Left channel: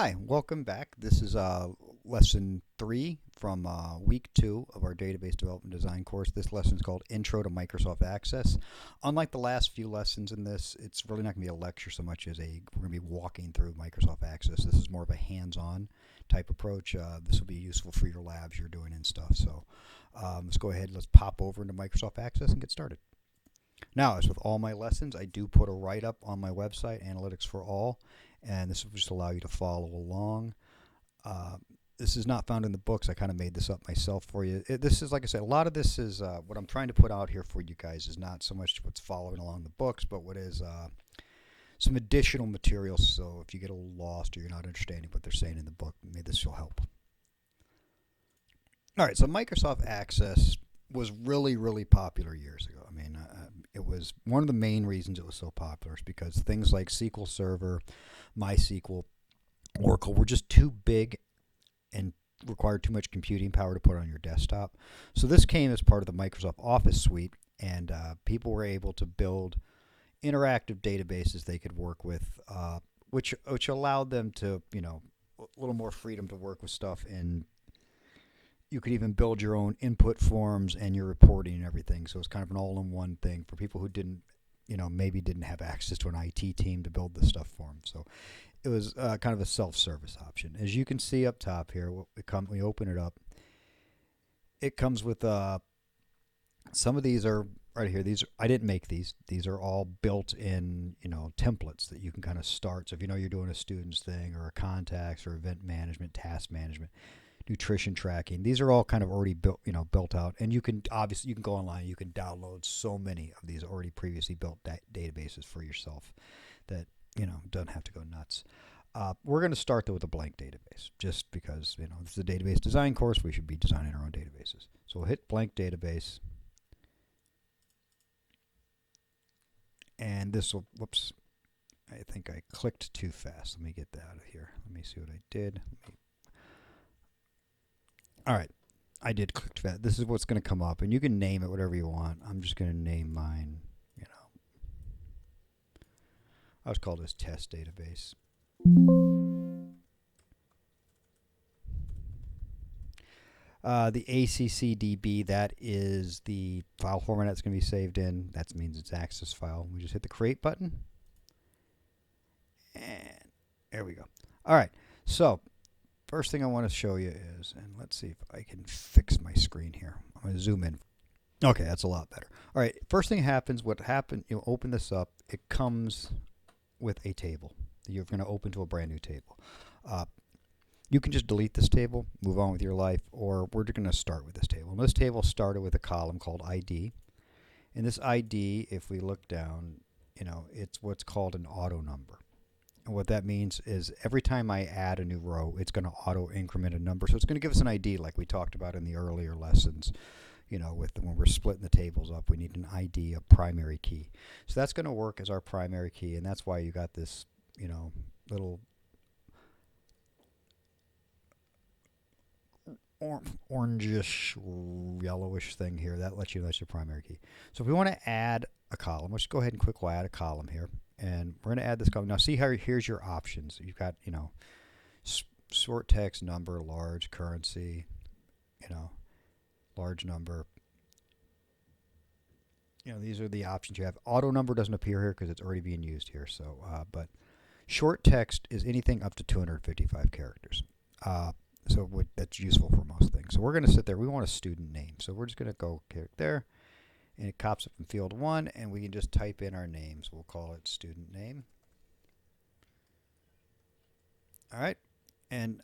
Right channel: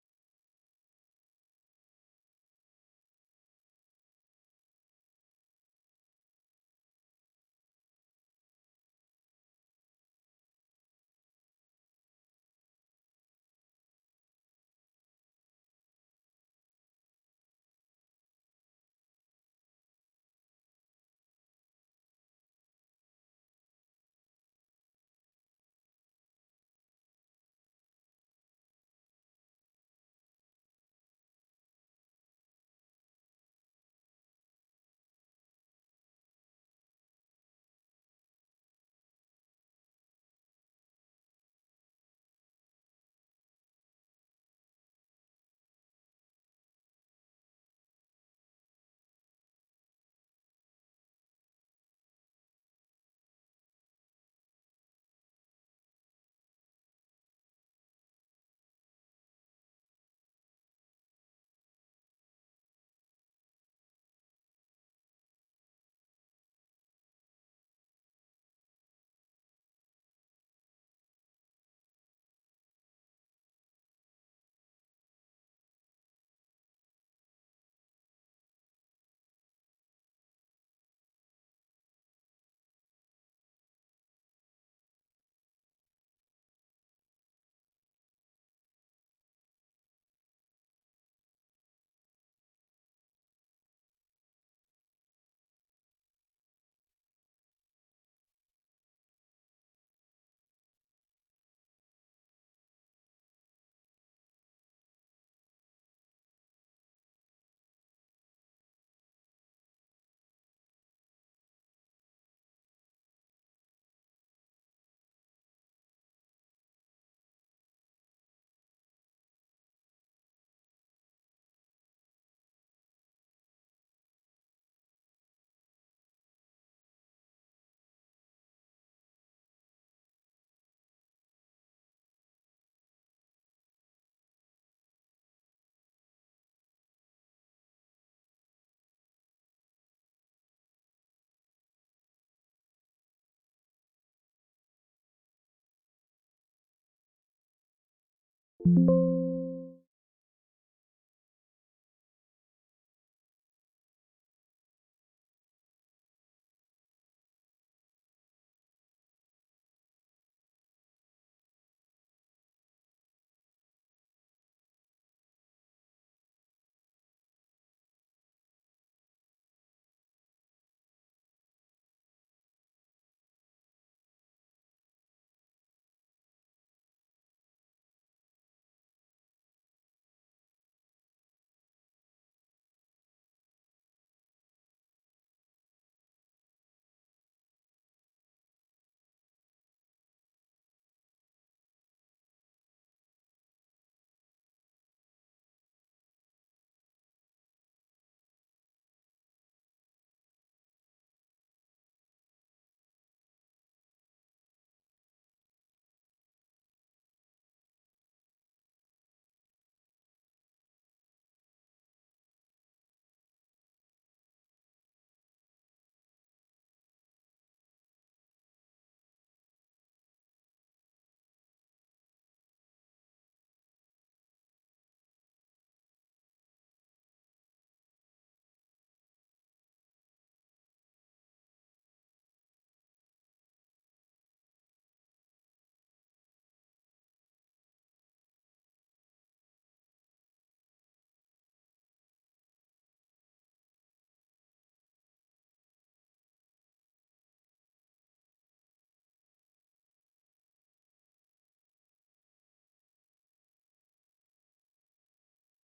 Hi, welcome back. This is lesson 3 from week 2 of our database development design course. This lesson is called Intro to Microsoft Access. Unlike the last few lessons in this, it's really not going to be a lecture so much as we're going to be walking through Microsoft Access. This is more of a hands-on type approach. This will be useful for your labs you're doing and stuff. So let's go ahead, let's pop over into Microsoft Access and get started. Now, as with all my lessons, I do put a write-up on my website, Analytics for All, and this will just allow you to follow along. This is not found in the books. I kind of made this up myself for you. This is, like I said, a lot of this is what I'm trying to put out here for you guys is not so much what's following along the books, but what is some additional materials. So if you get a little lost or you're not understanding what they're saying in the book, maybe this will help. All right, so Microsoft Access was really, really popular years ago. I mean, it was one of the main reasons it was so popular is because things like SQL Server, MySQL, Oracle were just too big and required too much computing power to put on your desktop. So this came as part of the Microsoft Office suite, and people were able to build interactive databases they could work with, which allowed them to, a little more freedom to work with stuff, and you could even build your own input forms and your reporting and everything. So it's kind of an all-in-one thing for people who didn't, maybe didn't have access to an IT team to build this stuff for them. So it was kind of a self-service option. As you can see up top here, we open it up. It comes with some of these are right here. I didn't make these. These are all built-in, templates that you can kind of start. So if you're doing a students thing or a contacts or event management, task management, nutrition tracking, these are all kind of already built out, and you can go online, you can download so many of these already previously built databases for yourself that don't have to go nuts. We're going to start though with a blank database, just because this is a database design course. We should be designing our own databases. So we'll hit blank database, and this will, whoops, I think I clicked too fast. Let me get that out of here. Let me see what I did. All right, I did click too fast. This is what's going to come up, and you can name it whatever you want. I'm just going to name mine, I'll just call this test database. The ACCDB, that is the file format that's going to be saved in. That means it's access file. We just hit the create button. And there we go. All right, so first thing I want to show you is, and let's see if I can fix my screen here. I'm going to zoom in. Okay, that's a lot better. All right, first thing happens, you open this up, it comes with a table. You're going to open to a brand new table. You can just delete this table, move on with your life, or we're going to start with this table. And this table started with a column called ID. And this ID, if we look down, it's what's called an auto number. And what that means is every time I add a new row, it's going to auto increment a number. So it's going to give us an ID like we talked about in the earlier lessons. When we're splitting the tables up, we need an ID, a primary key. So that's going to work as our primary key, and that's why you got this, little orangish, yellowish thing here. That lets you know that's your primary key. So if we want to add a column, let's go ahead and we'll add a column here, and we're going to add this column. Now see how here's your options. You've got, short text, number, large, currency, large number. These are the options you have. Auto number doesn't appear here because it's already being used here. So, but short text is anything up to 255 characters. That's useful for most things. So we're going to sit there. We want a student name. So we're just going to go click there, and it pops up in field 1, and we can just type in our names. We'll call it student name. All right, and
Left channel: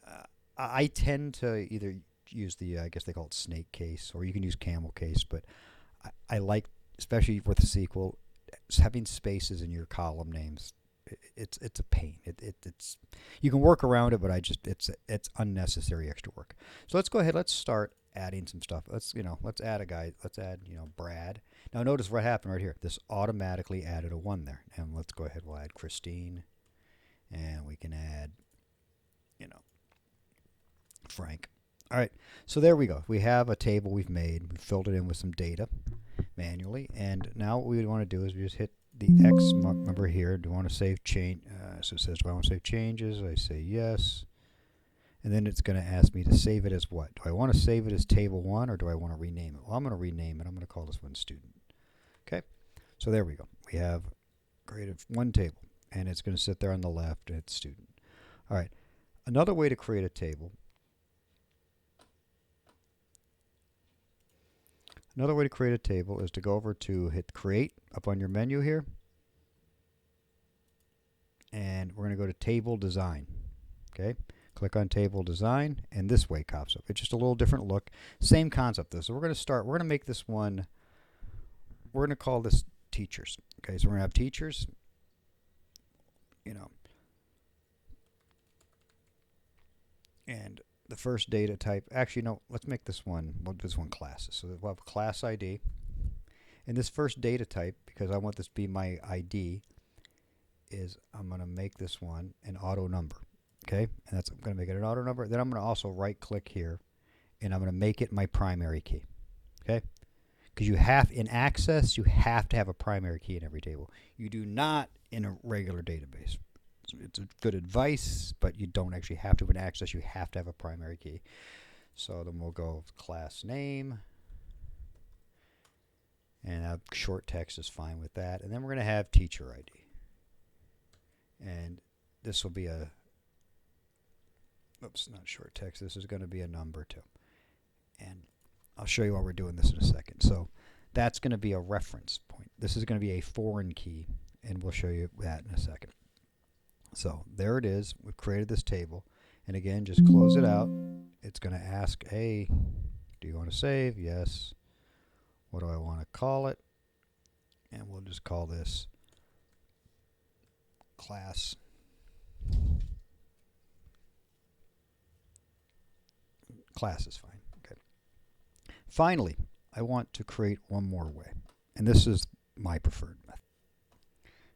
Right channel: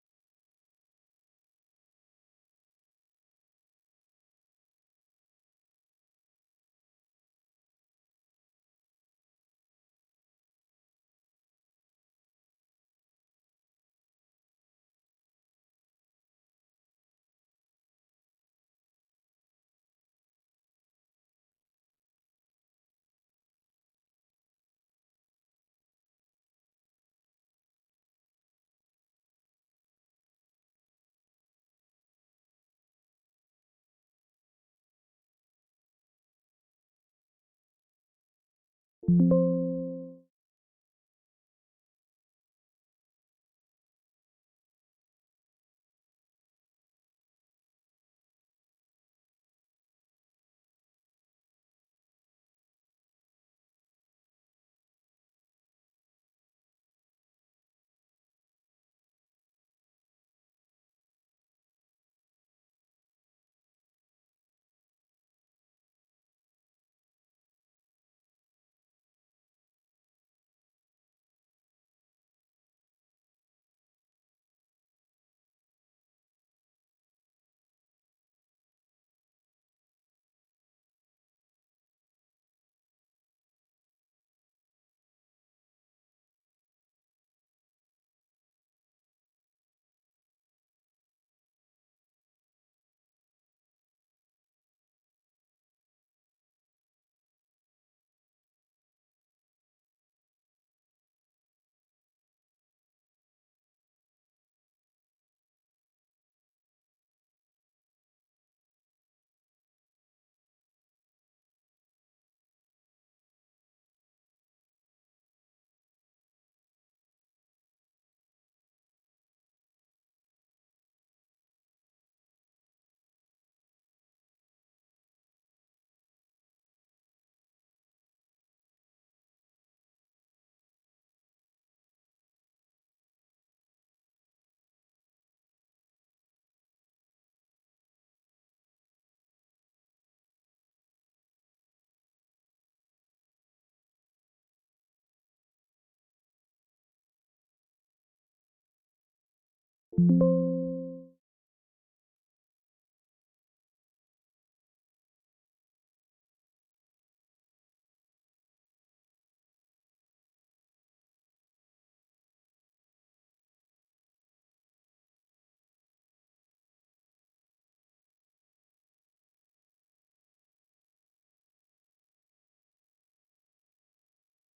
I tend to either use I guess they call it snake case, or you can use camel case, but I like, especially with SQL, having spaces in your column names. It's a pain. It's you can work around it, but it's unnecessary extra work. So let's go ahead. Let's start adding some stuff. Let's add a guy. Let's add Brad. Now notice what happened right here. This automatically added a 1 there. And let's go ahead. We'll add Christine, and we can add Frank. All right. So there we go. We have a table we've made. We filled it in with some data manually, and now what we want to do is we just hit the X number here. Do we want to save So it says, do I want to save changes? I say yes. And then it's going to ask me to save it as what? Do I want to save it as table 1 or do I want to rename it? Well, I'm going to rename it. I'm going to call this one student. Okay, so there we go. We have created one table, and it's going to sit there on the left, and it's student. All right, another way to create a table. Another way to create a table is to go over to hit create up on your menu here, and we're going to go to table design. Okay, click on table design, and this way pops up. It's just a little different look. Same concept though. So we're going to make this one, we're going to call this teachers. Okay, so we're going to have teachers, and the first data type, actually no, let's make this one, classes. So we'll have a class ID. And this first data type, because I want this to be my ID, is I'm going to make this one an auto number. Okay, and I'm going to make it an auto number. Then I'm going to also right click here, and I'm going to make it my primary key. Okay, because in Access, you have to have a primary key in every table. You do not in a regular database. It's a good advice, but you don't actually have to in Access. You have to have a primary key. So then we'll go class name, and short text is fine with that. And then we're going to have teacher ID, and this will be a not short text. This is going to be a number too, and I'll show you why we're doing this in a second. So that's going to be a reference point. This is going to be a foreign key, and we'll show you that in a second. So there it is. We've created this table. And again, just close it out. It's going to ask, hey, do you want to save? Yes. What do I want to call it? And we'll just call this class. Class is fine. Okay. Finally, I want to create one more way. And this is my preferred method.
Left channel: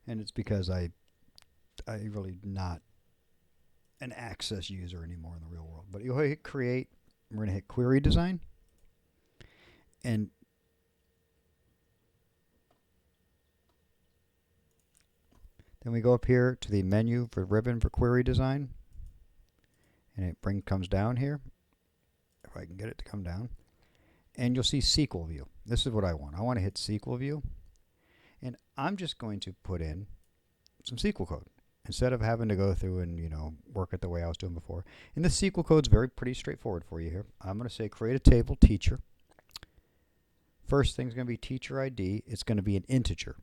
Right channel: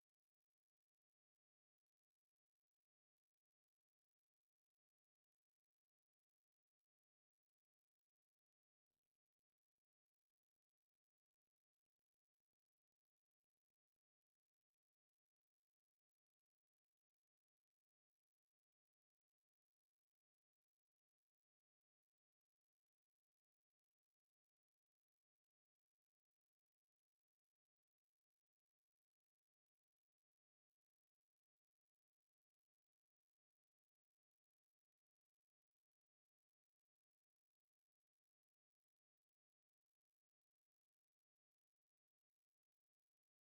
And it's because I really not an Access user anymore in the real world. But you'll hit create. We're going to hit query design. And then we go up here to the menu for ribbon for query design. And it comes down here. If I can get it to come down. And you'll see SQL view. This is what I want. I want to hit SQL view. And I'm just going to put in some SQL code instead of having to go through and work it the way I was doing before. And the SQL code's pretty straightforward for you here. I'm going to say create a table teacher. First thing's going to be teacher ID. It's going to be an integer.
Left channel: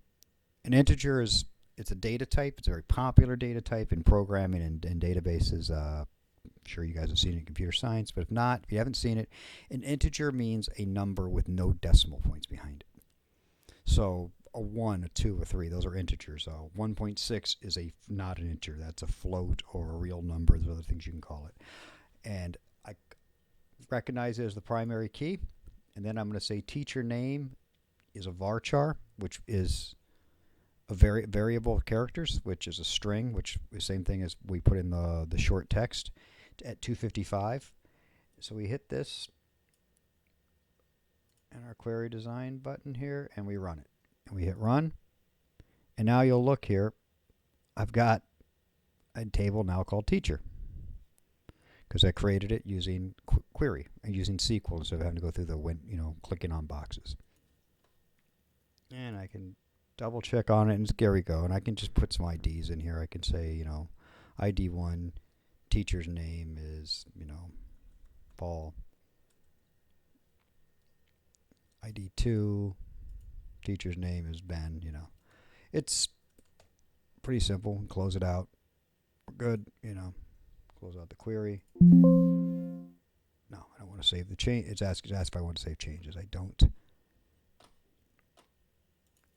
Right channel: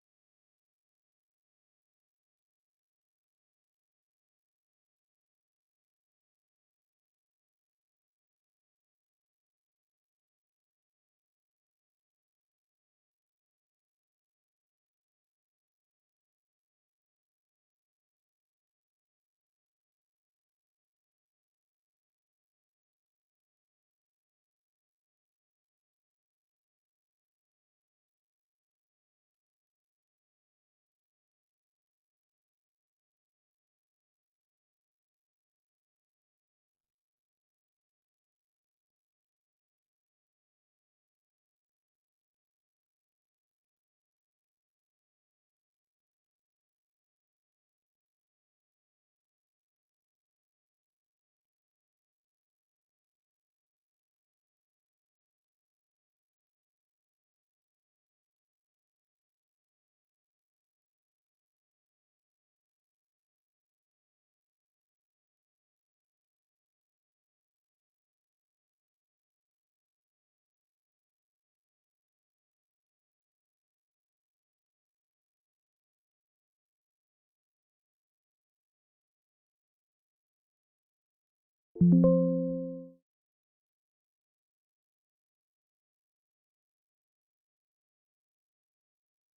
An integer it's a data type. It's a very popular data type in programming and databases. I'm sure you guys have seen it in computer science, but if you haven't seen it, an integer means a number with no decimal points behind it. So a 1, a 2, a 3, those are integers. 1.6 is not an integer. That's a float or a real number. There's other things you can call it. And I recognize it as the primary key. And then I'm going to say teacher name is a varchar, which is a variable of characters, which is a string, which is the same thing as we put in the short text at 255. So we hit this and our query design button here, and we run it. And we hit run. And now you'll look here. I've got a table now called teacher because I created it using query and using SQL instead of having to go through clicking on boxes. And I can double check on it, and there we go. And I can just put some IDs in here. I can say, ID 1, teacher's name is, Paul. ID 2, teacher's name is Ben, It's pretty simple. Close it out. We're good, Close out the query. No, I don't want to save the change. It's asked if I want to save changes. I don't.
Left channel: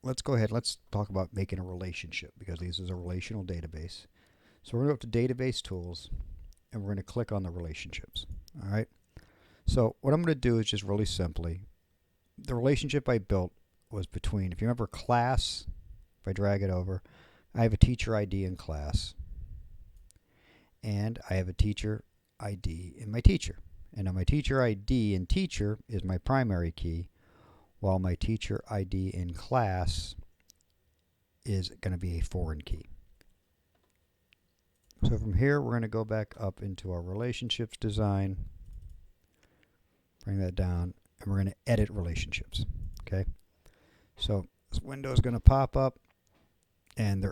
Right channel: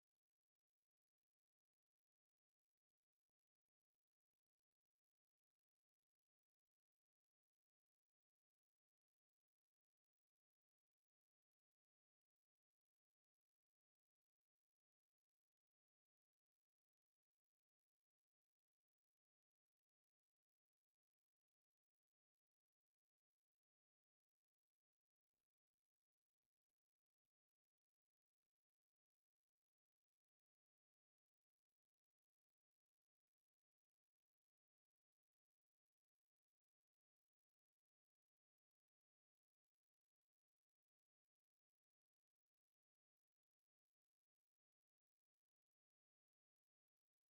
Let's go ahead. Let's talk about making a relationship because this is a relational database. So we're going to go up to Database Tools, and we're going to click on the relationships. All right. So what I'm going to do is just really simply, the relationship I built was between, if you remember class, if I drag it over, I have a teacher ID in class, and I have a teacher ID in my teacher. And now my teacher ID in teacher is my primary key, while my teacher ID in class is going to be a foreign key. So from here, we're going to go back up into our relationships design, bring that down, and we're going to edit relationships. Okay. So this window is going to pop up, and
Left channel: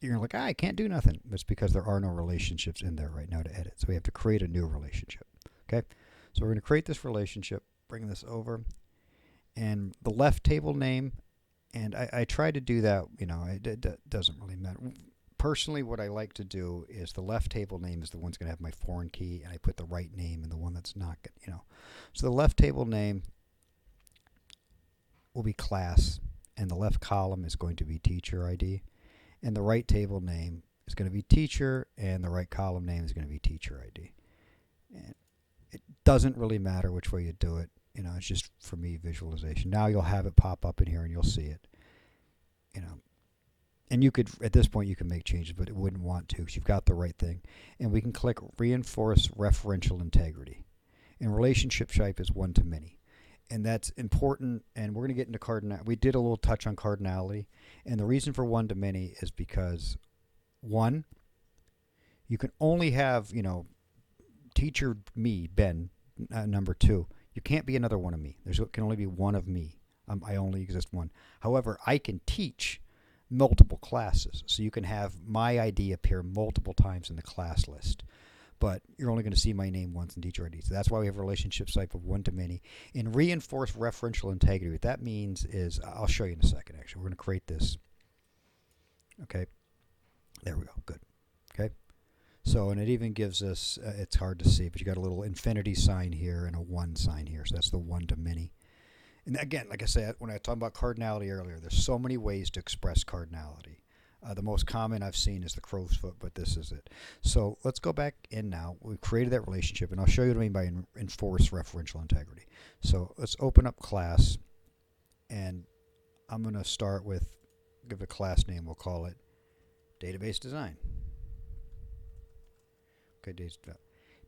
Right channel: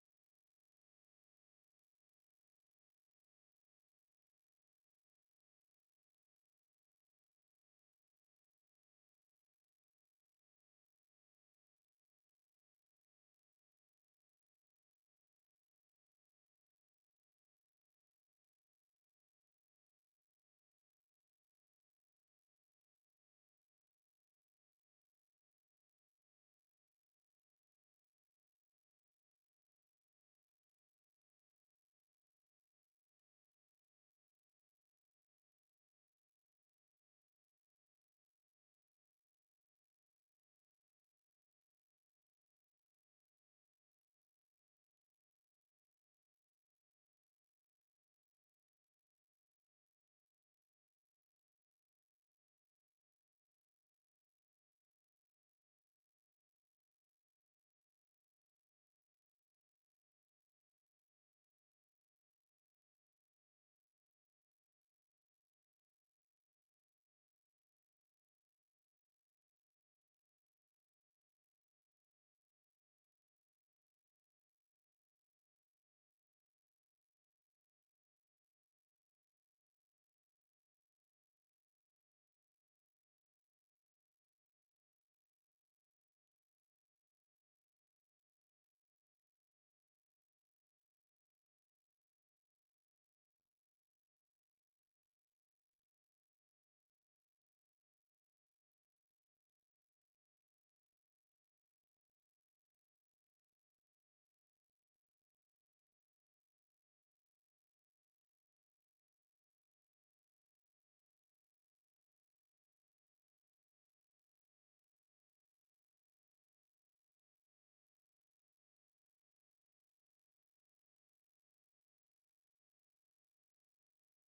you're like, I can't do nothing. It's because there are no relationships in there right now to edit. So we have to create a new relationship. Okay. So we're going to create this relationship, bring this over, and the left table name. And I try to do that. It doesn't really matter. Personally, what I like to do is the left table name is the one's going to have my foreign key, and I put the right name in the one that's not. So the left table name will be class, and the left column is going to be teacher ID, and the right table name is going to be teacher, and the right column name is going to be teacher ID. And it doesn't really matter which way you do it. It's just for me visualization. Now you'll have it pop up in here, and you'll see it. And you could, at this point, you can make changes, but it wouldn't want to because you've got the right thing. And we can click Reinforce Referential Integrity. And relationship type is one-to-many. And that's important, and we're going to get into cardinality. We did a little touch on cardinality. And the reason for one-to-many is because, one, you can only have, teacher me, Ben, number 2. You can't be another one of me. There can only be one of me. I only exist one. However, I can teach multiple classes. So you can have my ID appear multiple times in the class list. But you're only going to see my name once in teacher ID. So that's why we have relationship type of one-to-many. In reinforce referential integrity, what that means is, I'll show you in a second, actually. We're going to create this. Okay. There we go. Good. Okay. So, and it even gives us, it's hard to see, but you got a little infinity sign here and a 1 sign here. So that's the one-to-many. And again, like I said, when I talked about cardinality earlier, there's so many ways to express cardinality. The most common I've seen is the crow's foot, but this is it. So let's go back in now. We've created that relationship, and I'll show you what I mean by enforce referential integrity. So let's open up class, and I'm going to start with, give a class name, we'll call it Database Design. Okay,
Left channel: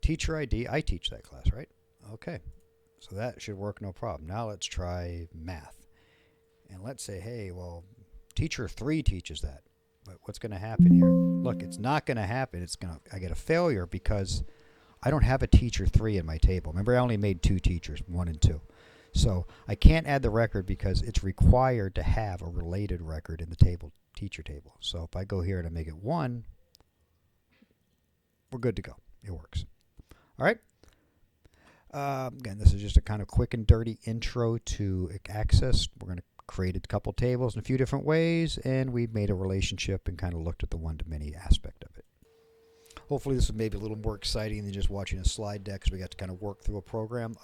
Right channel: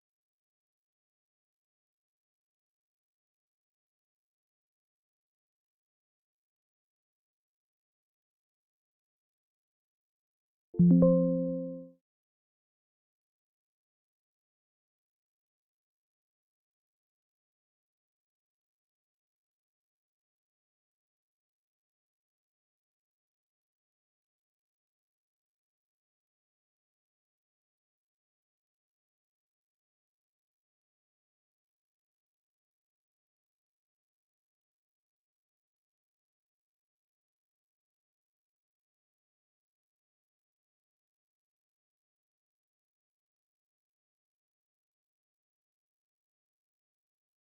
teacher ID, I teach that class, right? Okay. So that should work no problem. Now let's try math. And let's say, hey, well, teacher 3 teaches that. But what's going to happen here? Look, it's not going to happen. I get a failure because I don't have a teacher 3 in my table. Remember, I only made 2 teachers, 1 and 2. So I can't add the record because it's required to have a related record in the table, teacher table. So if I go here and I make it 1, we're good to go. It works. All right. Again, this is just a kind of quick and dirty intro to Access. We're going to create a couple tables in a few different ways, and we made a relationship and kind of looked at the one-to-many aspect of it. Hopefully this was maybe a little more exciting than just watching a slide deck, because we got to kind of work through a program.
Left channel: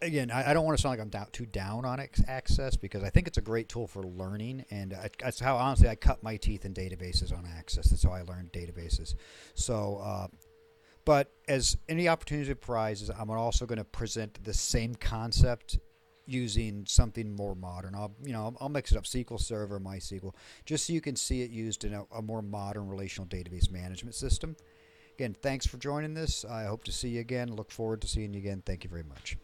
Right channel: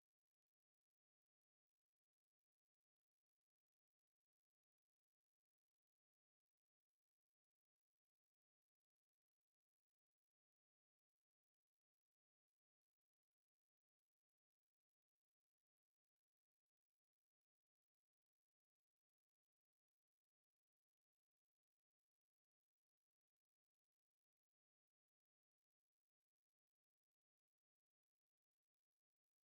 Again, I don't want to sound like I'm too down on Access, because I think it's a great tool for learning, and that's how, honestly, I cut my teeth in databases on Access. That's how I learned databases. So, but as any opportunity arises, I'm also going to present the same concept using something more modern. I'll mix it up, SQL Server, MySQL, just so you can see it used in a more modern relational database management system. Again, thanks for joining this. I hope to see you again. Look forward to seeing you again. Thank you very much.